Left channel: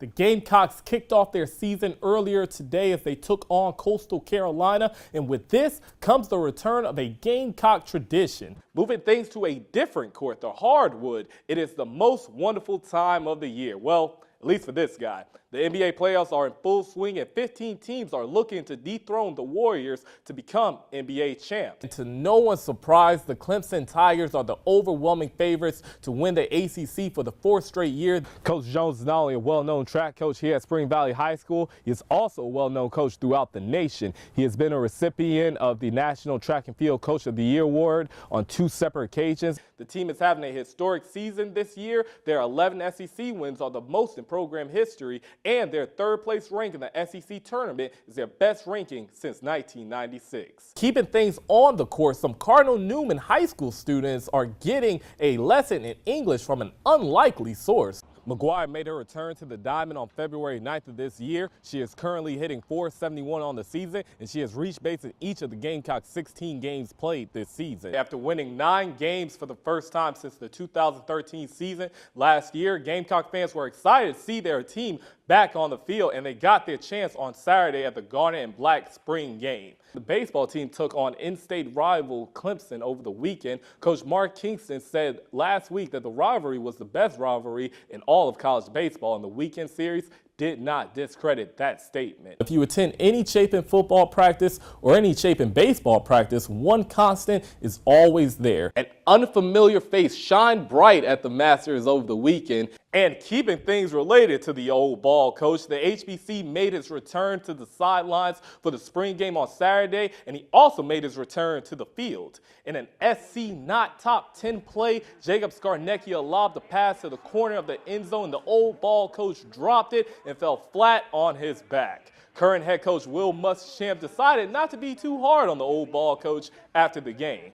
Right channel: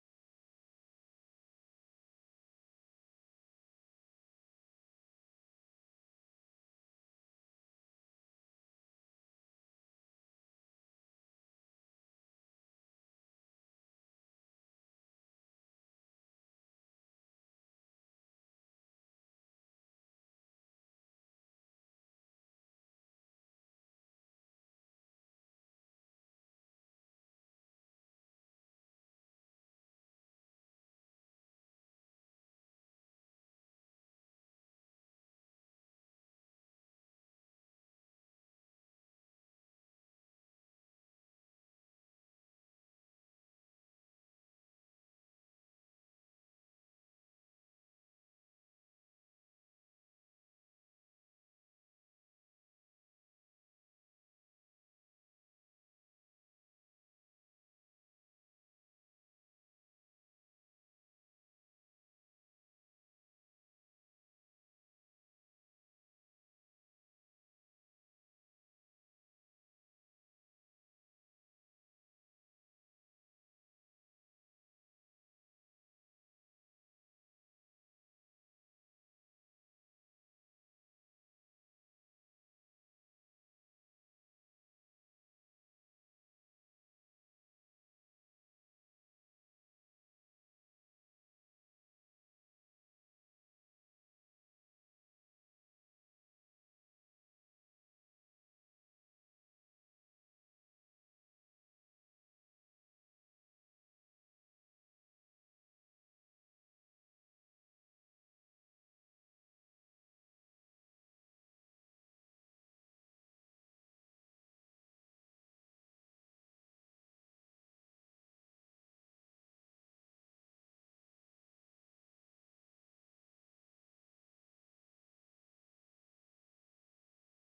The Gamecocks kicked off their season earlier today as they took on Coastal Carolina, and with this comes the return of a Gamecock tradition. Moving things to a different court, the hardwood, it is the most wonderful time of the year. Well, at least for this guy. The NBA playoffs are in full swing and 15 teams are looking to dethrone the Warriors to become NBA champs. And to no one's surprise, the Clemson Tigers are the overwhelming favorites to win the ACC for the fourth straight year. Coach Jones is not only a well-known track coach here at Spring Valley High School, he is also a well-known coach throughout the nation. He has been a recipient of the National Track and Field Coach of the Year award on 2 separate occasions. The team is having a historic season this year. Their 11 SEC wins are the most in program history, and their third-place rank in the SEC tournament is their best ranking since 1996. Keeping things on the court, some Cardinal Newman High School students are getting a lesson in English from an unlikely source. McGuire made her return to the diamond on February 9th of this year. She is currently hitting .471 on the season, and she has reached base in each of the Gamecocks' 16 games played this season. After winning 9 games for the first time since the 2013 season last year, Gamecock fans were excited to see their team back on the field, and they got their chance on Saturday at the Garnet and Black spring game. The baseball team took on in-state rival Clemson over the weekend. Coach Mark Kingston said last week that the rivalry was the best rivalry in all of college baseball, and the weekend series did not discredit that statement. If you attend any Chapin football practice or any Chapin baseball practice, one constant is always there. An unfamiliar face shined bright at the Masters over the weekend. And keeping things related to the old ball coach, the HBC made his return to the sidelines for the spring game on Saturday, and he also made his return to the field. In an SC not top 10 play, Jacob Scarnecchia lobbed the pass to the corner of the end zone. The old ball coach dropped it and fell flat on his back. Current head coach Will Muschamp decided not to be too hard on the old ball coach after the game.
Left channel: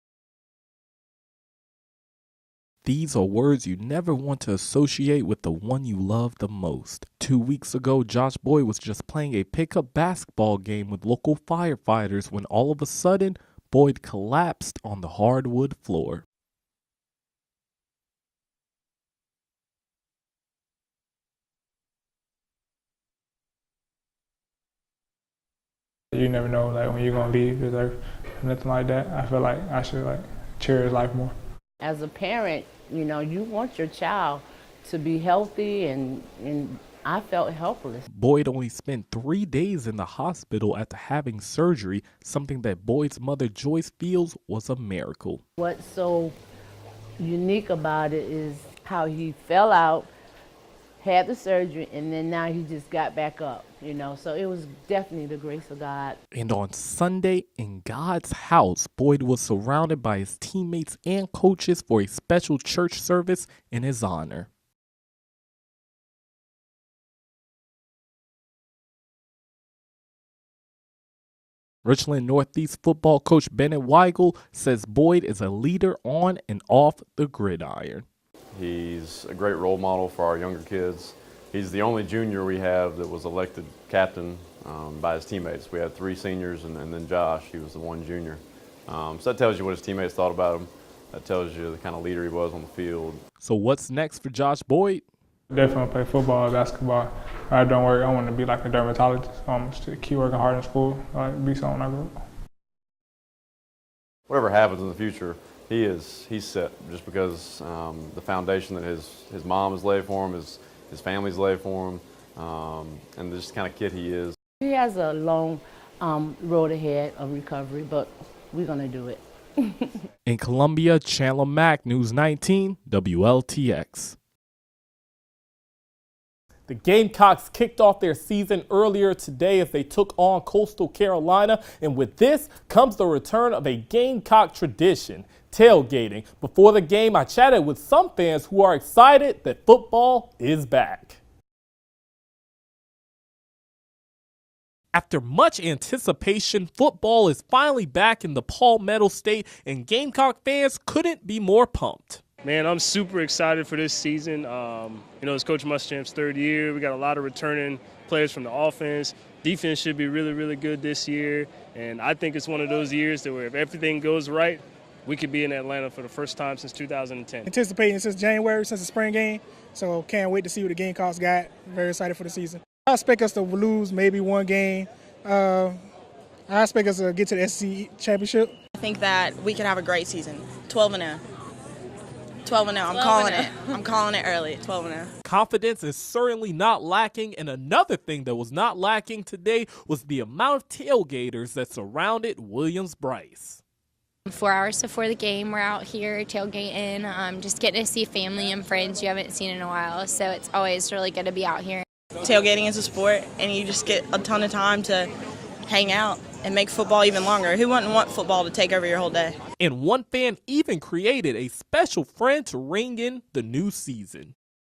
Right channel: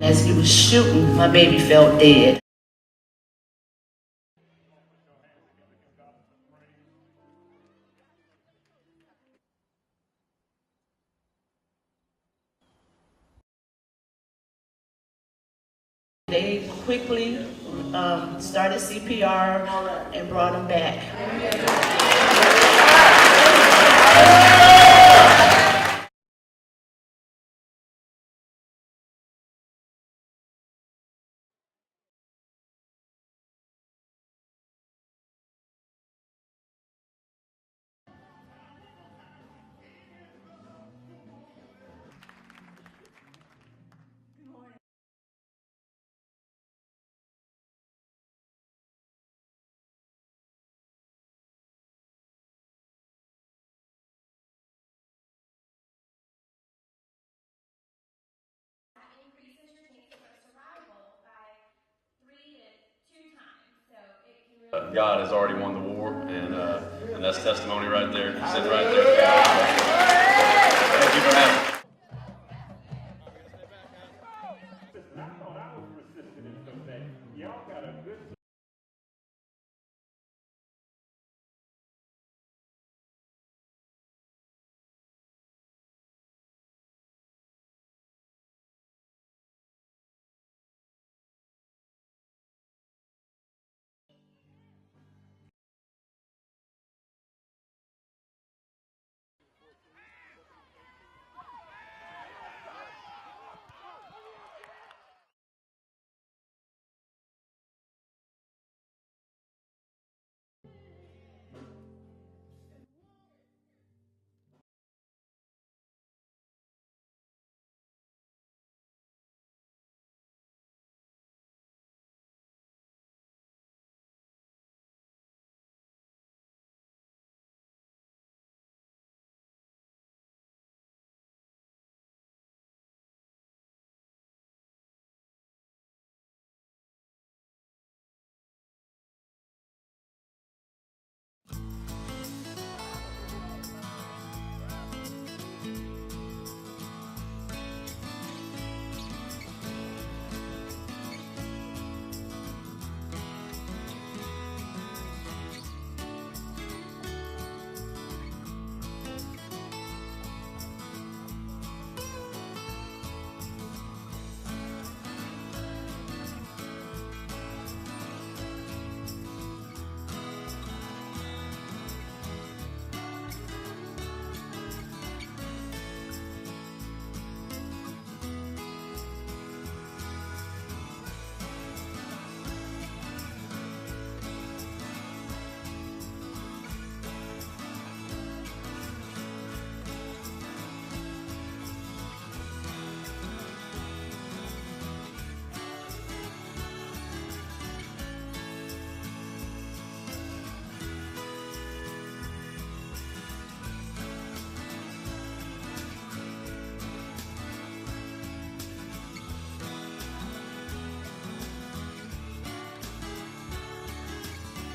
As he was shooting, my baby felt dead. These are words you never want to associate with the one you love the most. 2 weeks ago, Josh Boyd was just playing a pickup basketball game with local firefighters when all of a sudden, Boyd collapsed on the hardwood floor. They quickly started CPR and brought him back. You never know when you're going to leave this earth. Nothing like that. I feel like I should cherish life more. As a parent, you want your child to be healthy, and I felt helpless. Boyd only spent 3 days in the hospital after having surgery, something that Boyd's mother Joyce feels was a miracle. What's so unique about it is how he fell out, had the surgery, and then now he just got back up, So it was definitely the grace of God. And on Sunday, in God's house, Boyd was surrounded by his teammates and coaches for a special church service in his honor. God has already won the war, and that's testimony right there. Sitting right there. Thank you for having me. Richland Northeast football coach Bennett Weigel says Boyd is a leader on and off the gridiron. He's a great role model for our younger kids. He's the only junior we have that was elected captain by his teammates. We had 3 seniors and then Josh, he was the one junior. So that tells you what his teammates thought about him. That tells you the kind of leader he was on the field. So what's next for Josh Boyd? Definitely play football, basketball. I don't worry, I want to be like a dermatologist. Just to keep working hard in school, be something I go. Whatever happens in the future, he's set just because the foundation that his mom has laid for him, his family's laid for him, and just the kind of kid he is. He has a long road ahead of recovery, but we're going to do it. In Columbia, Chandler Mack, News 19, WLTX. The Gamecocks kicked off their season earlier today as they took on Coastal Carolina, and with this comes the return of a Gamecock tradition, tailgating. Before the game, I chatted with some fans who are excited that football is back. After much anticipation, football is finally back in the Palmetto State, and Gamecock fans couldn't be more pumped. Man, I'm super excited for this season. It's Coach Muschamp's 3rd year. We got a lot of returning players from the offense. Defense should be really, really good this year. And I think it's one of those years that where if everything goes right, we could be in Atlanta for the first time since 2010. Anticipating since January, since the spring game, so can't wait to see what the Gamecocks got. Very excited for the season. I expect us to lose maybe one game. I expect us to get to the SEC championship. I think that we could have a great season. 12-0. 12-0. I'm calling it. I'm calling it early. 12-0. Confidence is certainly not lacking, and another thing that was not lacking today was the amount of tailgaters that surrounded Williams-Brice. 4 hours before the game, we're out here tailgating, just getting to see family and friends you haven't seen in a while, so it's always really good to be out here. Tailgating is a sport, and you just get a ton of time to hang out and make football even longer. Who wouldn't want football to take over your whole day? And one fan even created a special friend to ring in the new season.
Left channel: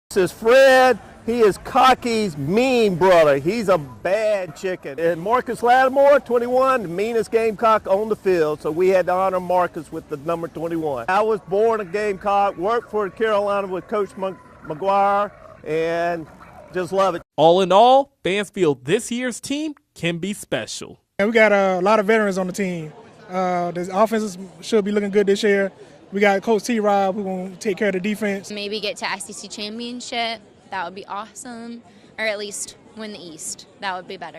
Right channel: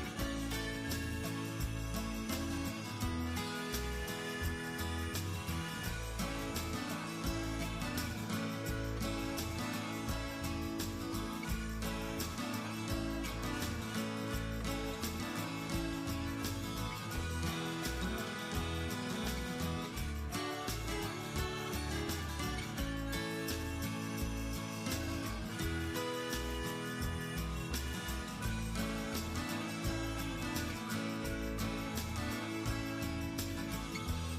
This is Fred. He is Cocky's mean brother. He's a bad chicken. And Marcus Lattimore, 21, the meanest Gamecock on the field. So we had to honor Marcus with the number 21. I was born a Gamecock, worked for Carolina with Coach McGuire, and just love it. All in all, fans feel this year's team can be special. And we got a lot of veterans on the team. The offenses should be looking good this year. We got Coach T-Rob who's going to take care of the defense. Maybe get to SEC championship, that would be awesome, or at least win the East, that would be better.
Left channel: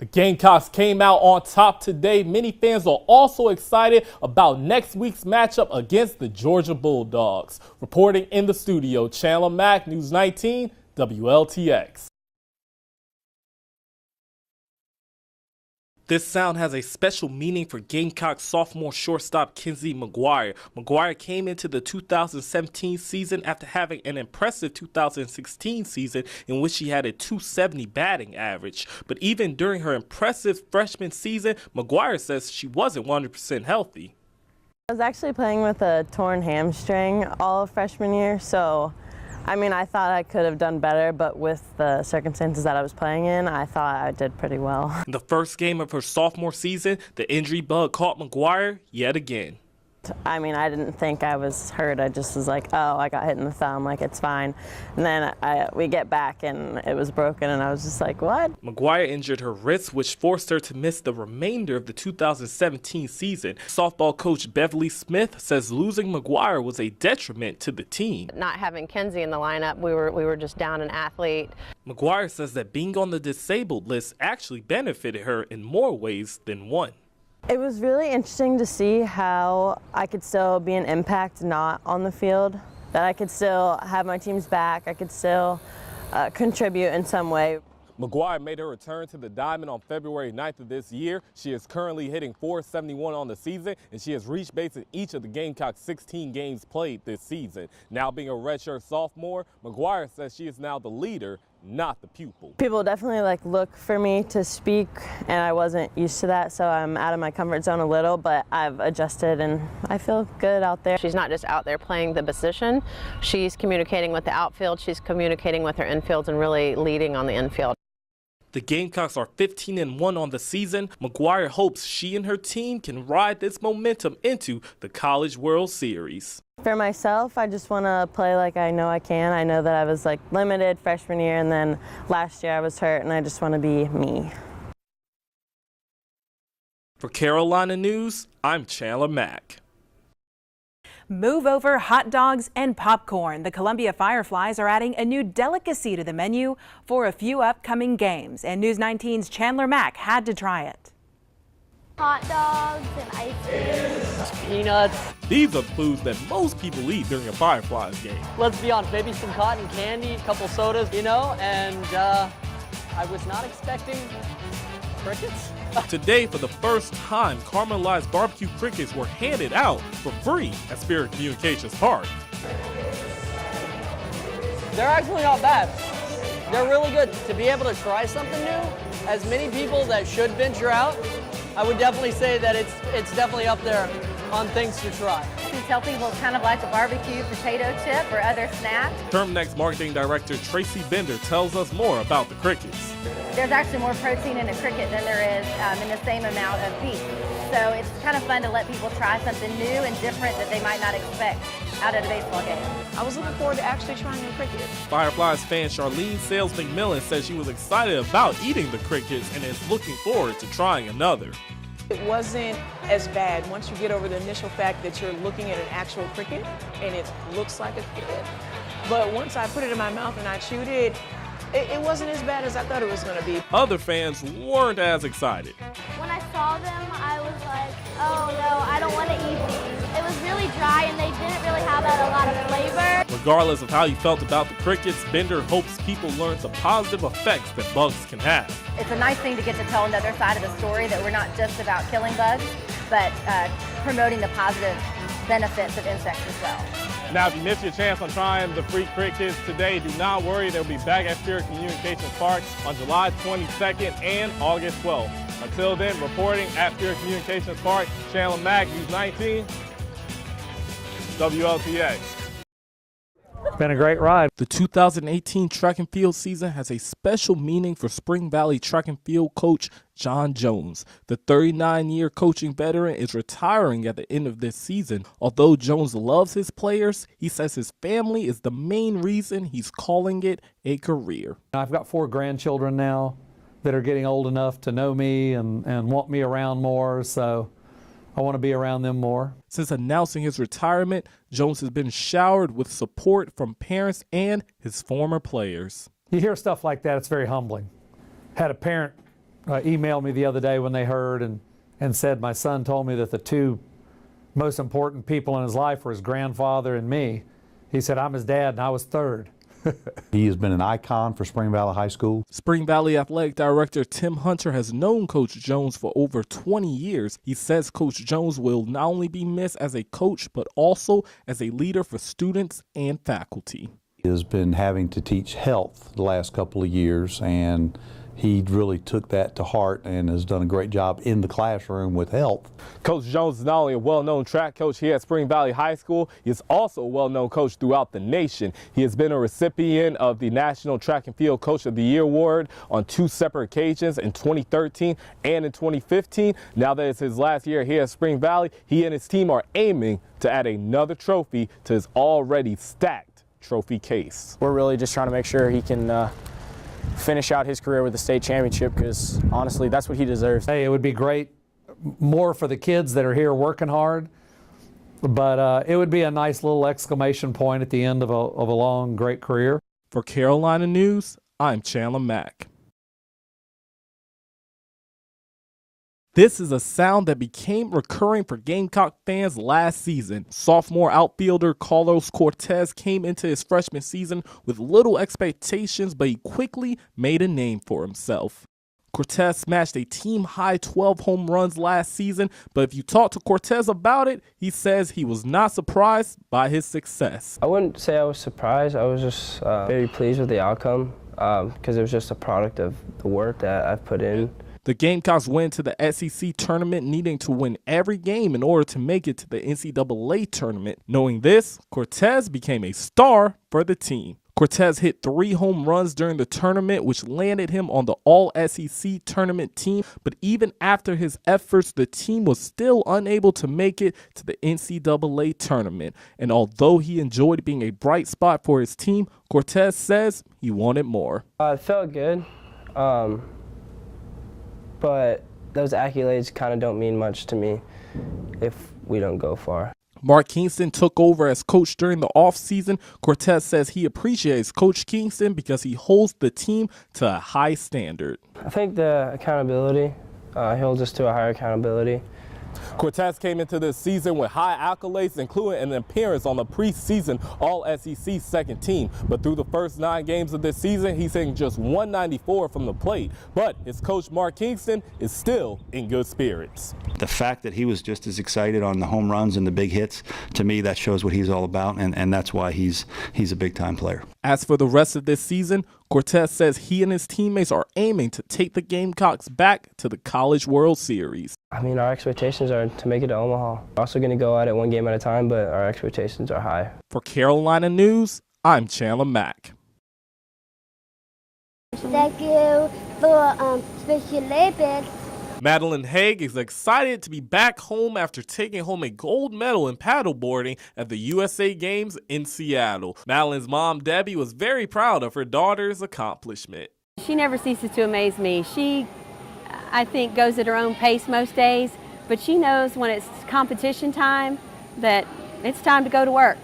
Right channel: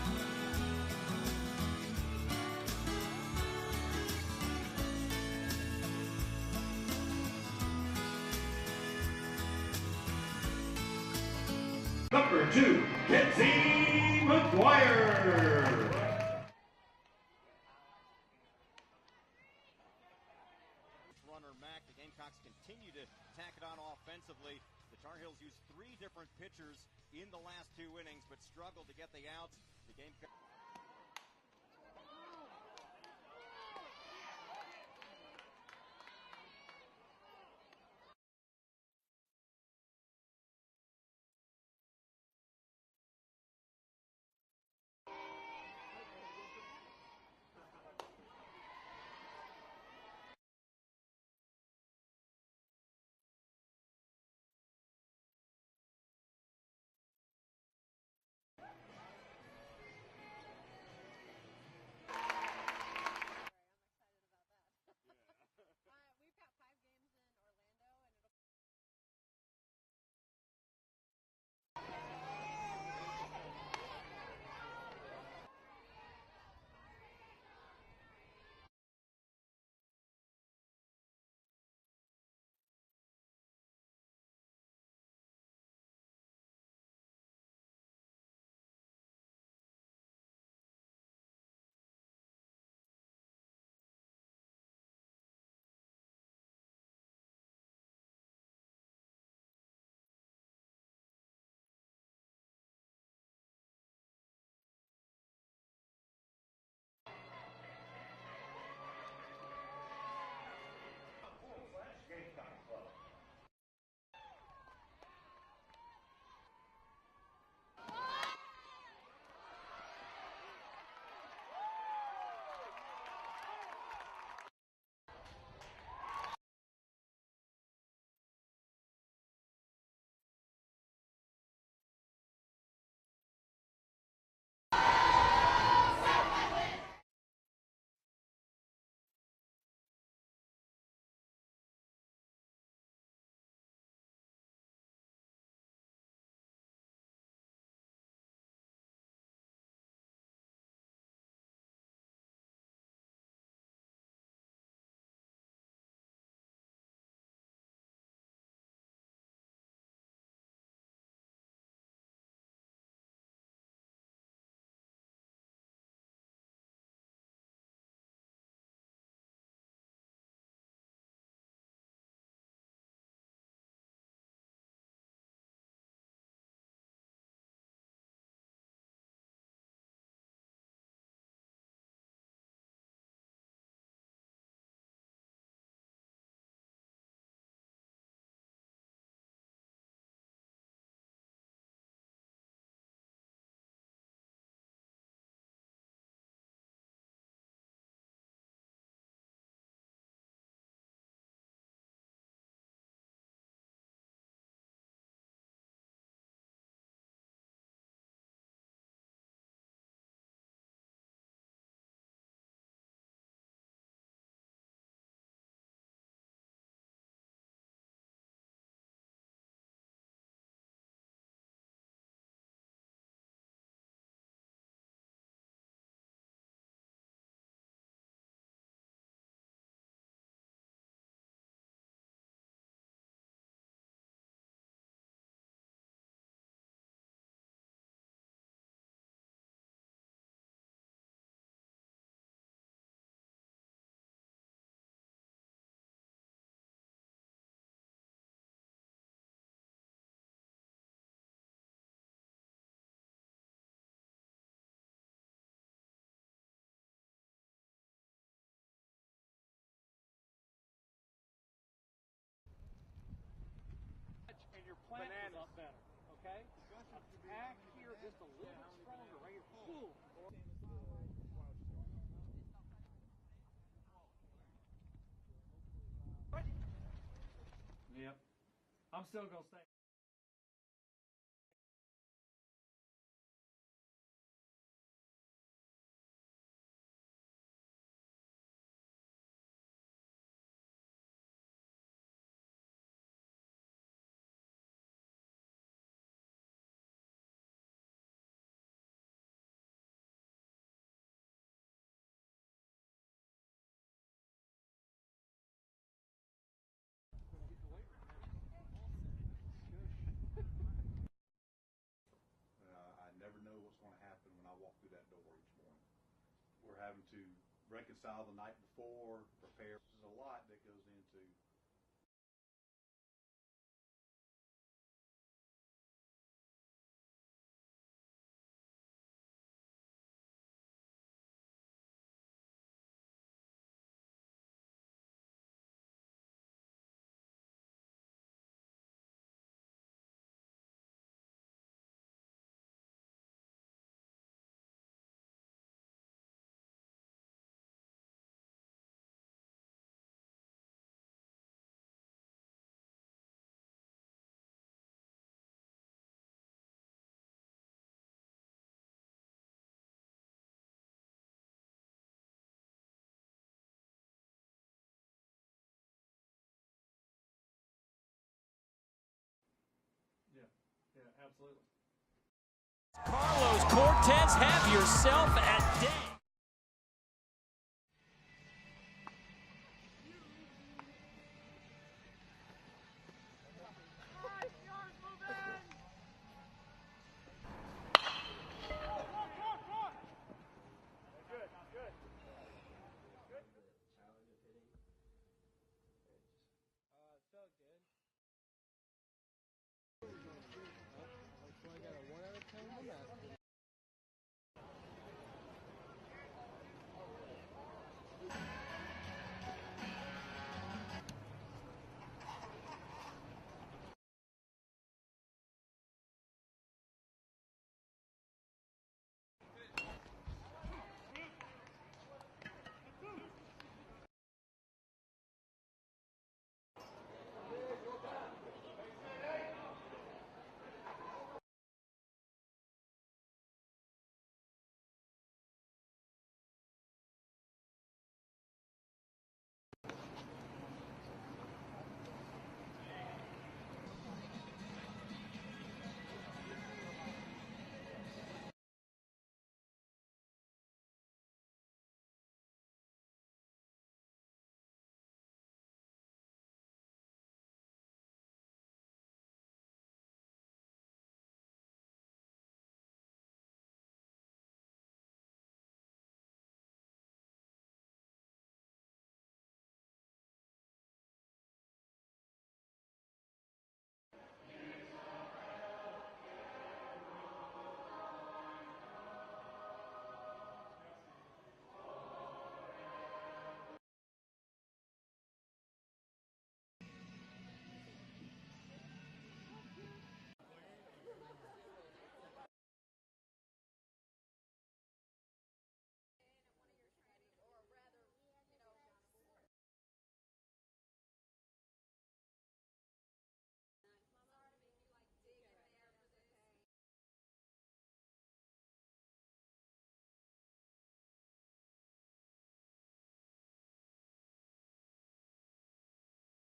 The Gamecocks came out on top today. Many fans are also excited about next week's matchup against the Georgia Bulldogs. Reporting in the studio, Chandler Mack, News 19, WLTX. Number 2, Kenzie McGuire. This sound has a special meaning for Gamecock sophomore shortstop Kenzie McGuire. McGuire came into the 2017 season after having an impressive 2016 season in which she had a .270 batting average. But even during her impressive freshman season, McGuire says she wasn't 100% healthy. I was actually playing with a torn hamstring all of freshman year, so I mean, I thought I could have done better, but with the circumstances that I was playing in, I thought I did pretty well. In the first game of her sophomore season, the injury bug caught McGuire yet again. I mean, I didn't think I was hurt. I just was like, oh, I got hit in the thumb, like it's fine. And then we get back and it was broken and I was just like, what? McGuire injured her wrist, which forced her to miss the remainder of the 2017 season. Softball coach Beverly Smith says losing McGuire was a detriment to the team. Not having Kenzie in the lineup, we were just down an athlete. McGuire says that being on the disabled list actually benefited her in more ways than one. It was really interesting to see how I could still be an impact not on the field, that I could still have my team's back, I could still contribute in some way. McGuire made her return to the diamond on February 9th of this year. She is currently hitting .471 on the season, and she has reached base in each of the Gamecocks' 16 games played this season. Now being a redshirt sophomore, McGuire says she is now the leader, not the pupil. People definitely look for me to speak, and I wasn't used to that, so I'm out of my comfort zone a little, but I've adjusted and I feel good out there. She's not just out there playing the position, she's communicating with the outfield, she's communicating with her infields and really leading on the infield. The Gamecocks are 15-1 on the season. McGuire hopes she and her team can ride this momentum into the College World Series. For myself, I just want to play like I know I can. I know that I was limited freshman year, and then last year I was hurt, and I just want to be me. For Carolina News, I'm Chandler Mack. Move over hot dogs and popcorn. The Columbia Fireflies are adding a new delicacy to the menu for a few upcoming games, and News 19's Chandler Mack had to try it. Hot dogs and ice cream. Peanuts. These are foods that most people eat during a Fireflies game. Let's be honest, maybe some cotton candy, a couple sodas, and I was not expecting crickets. Today, for the first time, caramelized barbecue crickets were handed out for free at Spirit Communications Park. They're actually not bad. They're really good. To be able to try something new, as many people that should venture out, I would definitely say that it's definitely up there on things to try. We tell people it's kind of like a barbecue potato chip or other snack. Termnex Marketing Director Tracy Bender tells us more about the crickets. There's actually more protein in a cricket than there is in the same amount of beef. So it's kind of fun to let people try something new and different that they might not expect out of a baseball game. I was looking forward to actually trying a cricket. Fireflies fan Charlene Sales McMillan says she was excited about eating the crickets and is looking forward to trying another. It wasn't as bad once you get over the initial fact that you're looking at an actual cricket and it looks like a cricket. But once I put it in my mouth and I chewed it, it wasn't as bad as I thought it was going to be. Other fans weren't as excited. When I saw them, I was like, oh no, I don't want to eat these. It was really dry and they didn't really have a lot of flavor. Regardless of how you felt about the crickets, Bender hopes people learn the positive effects that bugs can have. It's a nice thing to get to tell another side of the story, that we're not just about killing bugs, but promoting the positive benefits of insects as well. Now, if you missed your chance on trying the free crickets today, do not worry. They'll be back at Pure Communications Park on July 22nd and August 12th. Until then, reporting at Pure Communications Park, Chandler Mack, News 19, WLTX. Been a great ride. The 2018 track and field season has a special meaning for Spring Valley track and field coach John Jones. The 39-year coaching veteran is retiring at the end of this season. Although Jones loves his players, he says his family is the main reason he's calling it a career. I've got 4 grandchildren now that are getting old enough to know me and want me around more, so I want to be around them more. Since announcing his retirement, Jones has been showered with support from parents and his former players. You hear stuff like that, it's very humbling. Had a parent email me the other day when they heard and said, my son told me that the 2 most important people in his life were his grandfather and me. He said, I'm his dad and I was 3rd. He has been an icon for Spring Valley High School. Spring Valley Athletic Director Tim Hunter has known Coach Jones for over 20 years. He says Coach Jones will not only be missed as a coach, but also as a leader for students and faculty. He has been having to teach health the last couple of years, and he really took that to heart and has done a great job in the classroom with health. Coach Jones is not only a well-known track coach here at Spring Valley High School, he is also a well-known coach throughout the nation. He has been a recipient of the National Track and Field Coach of the Year award on 2 separate occasions in 2013 and in 2015. Now that it's his last year here at Spring Valley, he and his team are aiming to add another trophy to his already stacked trophy case. We're really just trying to make sure he can finish out his career with a state championship, because honestly, that's what he deserves. Hey, it would be great more for the kids that are here working hard, but it would be a nice little exclamation point at the end of a long, great career. For Carolina News, I'm Chandler Mack. Carlos Cortez, have yourself a day. This is a sound that became recurring for Gamecock fans last season. Sophomore outfielder Carlos Cortez came into his freshman season with little expectations, but he quickly made a name for himself. Cortez smashed a team-high 12 home runs last season, but if you talk to Cortez about it, he says he was not surprised by his success. I wouldn't say I was surprised. I was just very pleased with the outcome because it was just a product of the work that I've put in. The Gamecocks went to the SEC tournament needing to win every game in order to make it to the NCAA tournament. Knowing this, Cortez became a star for the team. Cortez hit 3 home runs during the tournament, which landed him on the All-SEC tournament team. But even after his efforts, the team was still unable to make it to the NCAA tournament. And although he enjoyed being a bright spot for his team, Cortez says he wanted more. It felt good, but those accolades kind of don't mean much to me if we don't go far. Mark Kingston took over as coach during the offseason. Cortez says he appreciates Coach Kingston because he holds the team to a high standard. I think the accountability, he holds us to a higher accountability. Cortez came into this season with high accolades, including an appearance on the preseason All-SEC second team. But through the first 9 games of this season, he's hitting just .194 from the plate. But his coach, Mark Kingston, is still in good spirits. The fact that he was just as excited on the home runs and the big hits, to me, that shows what he's all about, and that's why he's a big-time player. As for the rest of this season, Cortez says he and his teammates are aiming to take the Gamecocks back to the College World Series. I mean, our expectations are to make it to Omaha. We're also going to go at it 1 game at a time, but our expectations are high. For Carolina News, I'm Chandler Mack. Thank you for Special Olympics. Madeline Haig is excited to be back home after taking home a gold medal in paddleboarding at the USA Games in Seattle. Madeline's mom, Debbie, was very proud of her daughter's accomplishment. She never ceases to amaze me. I think, goes at her own pace most days, but she knows when it's competition time that it's time to go to work.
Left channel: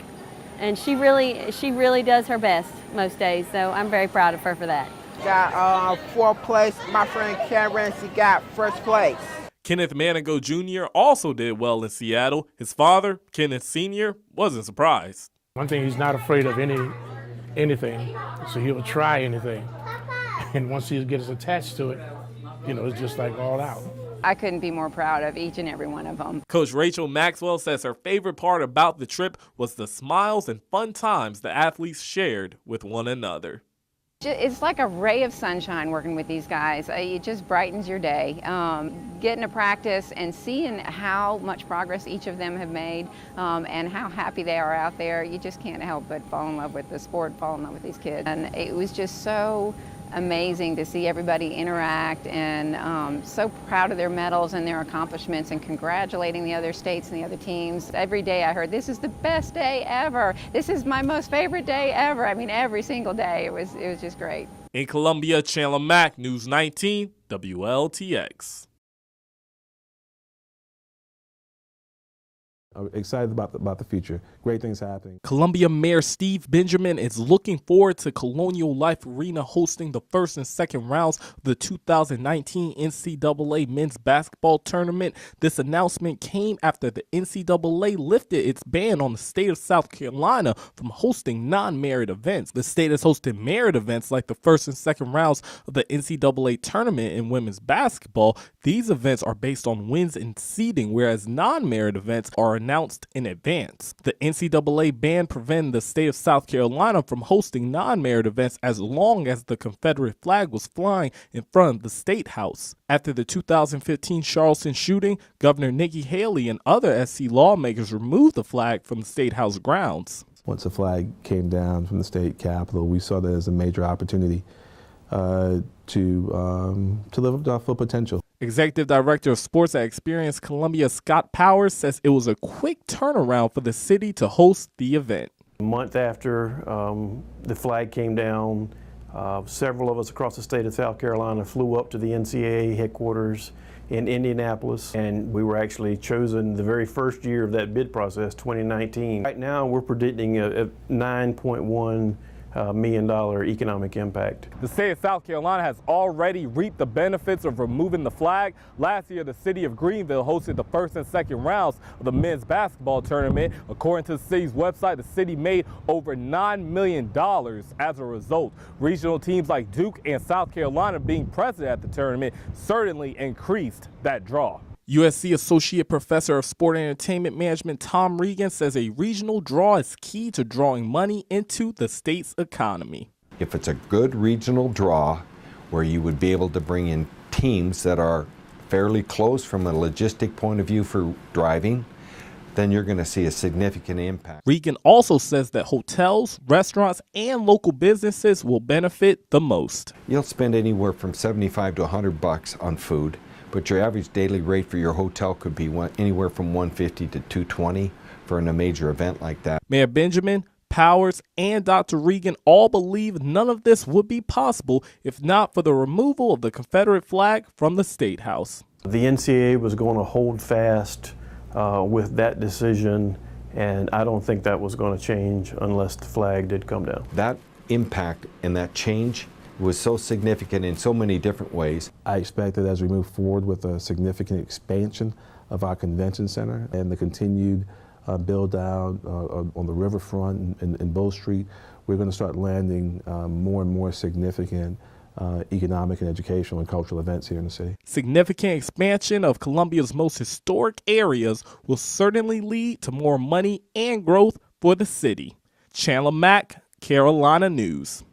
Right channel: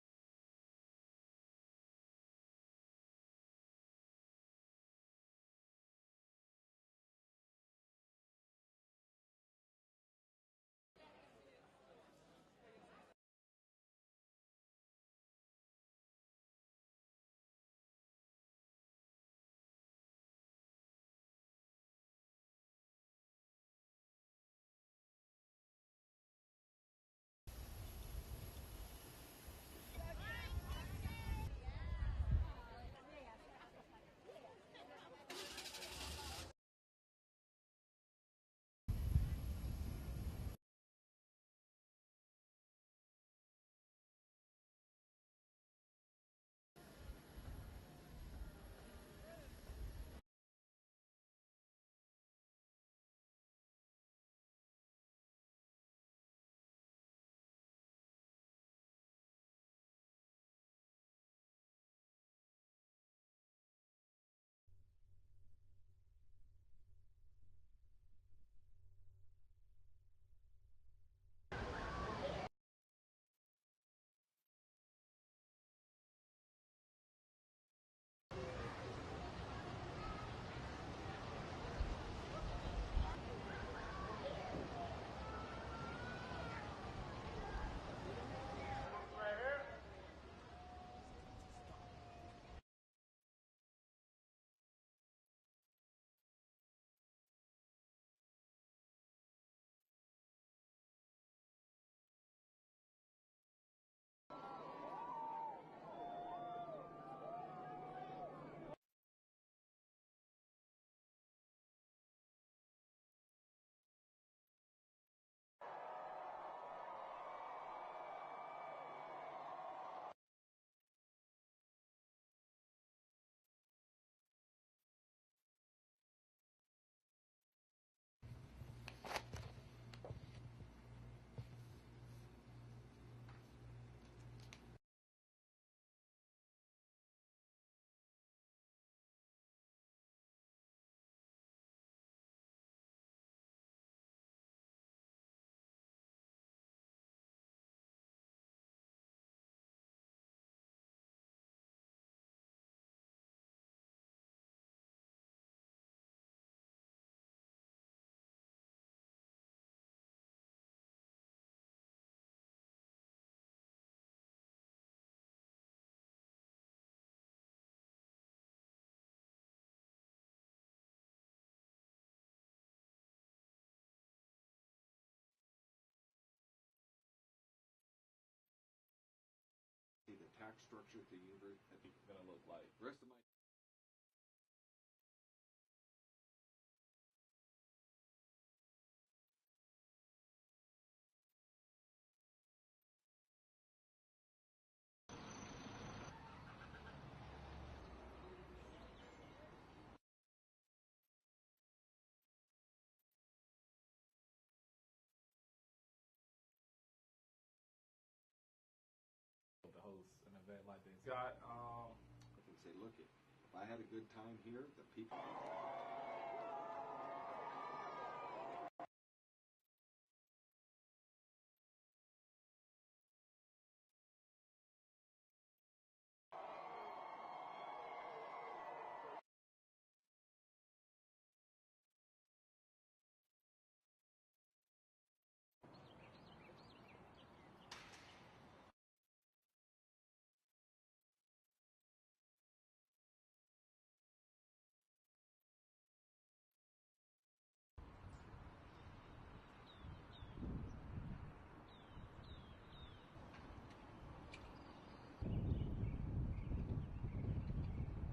And she really does her best most days, so I'm very proud of her for that. Got fourth place. My friend Karen, she got first place. Kenneth Manigo Jr. also did well in Seattle. His father, Kenneth Sr., wasn't surprised. One thing, he's not afraid of anything, so he'll try anything. And once he gets attached to it, you know, it's just like all out. I couldn't be more proud of each and every one of them. Coach Rachel Maxwell says her favorite part about the trip was the smiles and fun times the athletes shared with one another. It's like a ray of sunshine working with these guys. It just brightens your day. Getting to practice and seeing how much progress each of them have made and how happy they are out there, you just can't help but fall in love with the sport, fall in love with these kids. And it was just so amazing to see everybody interact and so proud of their medals and their accomplishments and congratulating the other states and the other teams. Every day I heard, this is the best day ever. This is my most favorite day ever. I mean, every single day. It was just great. In Columbia, Chandler Mack, News 19, WLTX. I'm excited about the future. Great things happening. Columbia Mayor Steve Benjamin is looking forward to Colonial Life Arena hosting the first and second rounds of the 2019 NCAA men's basketball tournament. This announcement came after the NCAA lifted its ban on the state of South Carolina from hosting non-merit events. The state has hosted merit events like the first and second rounds of the NCAA tournament in women's basketball. These events are based on wins and seeding, whereas non-merit events are announced in advance. The NCAA ban prevented the state of South Carolina from hosting non-merit events as long as the Confederate flag was flying in front of the State House. After the 2015 Charleston shooting, Governor Nikki Haley and other SC lawmakers removed the flag from the State House grounds. Once the flag came down from the state capitol, we saw that as a major opportunity to live up to our full potential. Executive Director of Sports at Experience Columbia, Scott Powers, says it was a quick turnaround for the city to host the event. A month after the flag came down, several of us across the state of South Carolina flew up to the NCAA headquarters in Indianapolis, and we were actually chosen the very first year of that bid process, 2019. Right now, we're predicting a $9.1 million economic impact. The state of South Carolina has already reaped the benefits of removing the flag. Last year, the city of Greenville hosted the first and second rounds of the men's basketball tournament. According to the city's website, the city made over $9 million as a result. Regional teams like Duke and South Carolina being present at the tournament certainly increased that draw. USC Associate Professor of Sport and Entertainment Management Tom Regan says a regional draw is key to drawing money into the state's economy. If it's a good regional draw where you would be able to bring in teams that are fairly close from a logistic point of view for driving, then you're going to see a significant impact. Regan also says that hotels, restaurants, and local businesses will benefit the most. You'll spend anywhere from $75 to $100 on food, but your average daily rate for your hotel could be anywhere from $150 to $220 for a major event like that. Mayor Benjamin, Powers, and Dr. Regan all believe none of this would be possible if not for the removal of the Confederate flag from the State House. The NCAA was going to hold fast with that decision, and I don't think that was going to change unless the flag did come down. That impact and that change was so significant in so many different ways. I expect that as we move forward with a significant expansion of our convention center and the continued build out on the riverfront and Bow Street, we're going to start landing more and more significant economic and educational and cultural events here in the city. Significant expansion of Columbia's most historic areas will certainly lead to more money and growth for the city. Chandler Mack, Carolina News.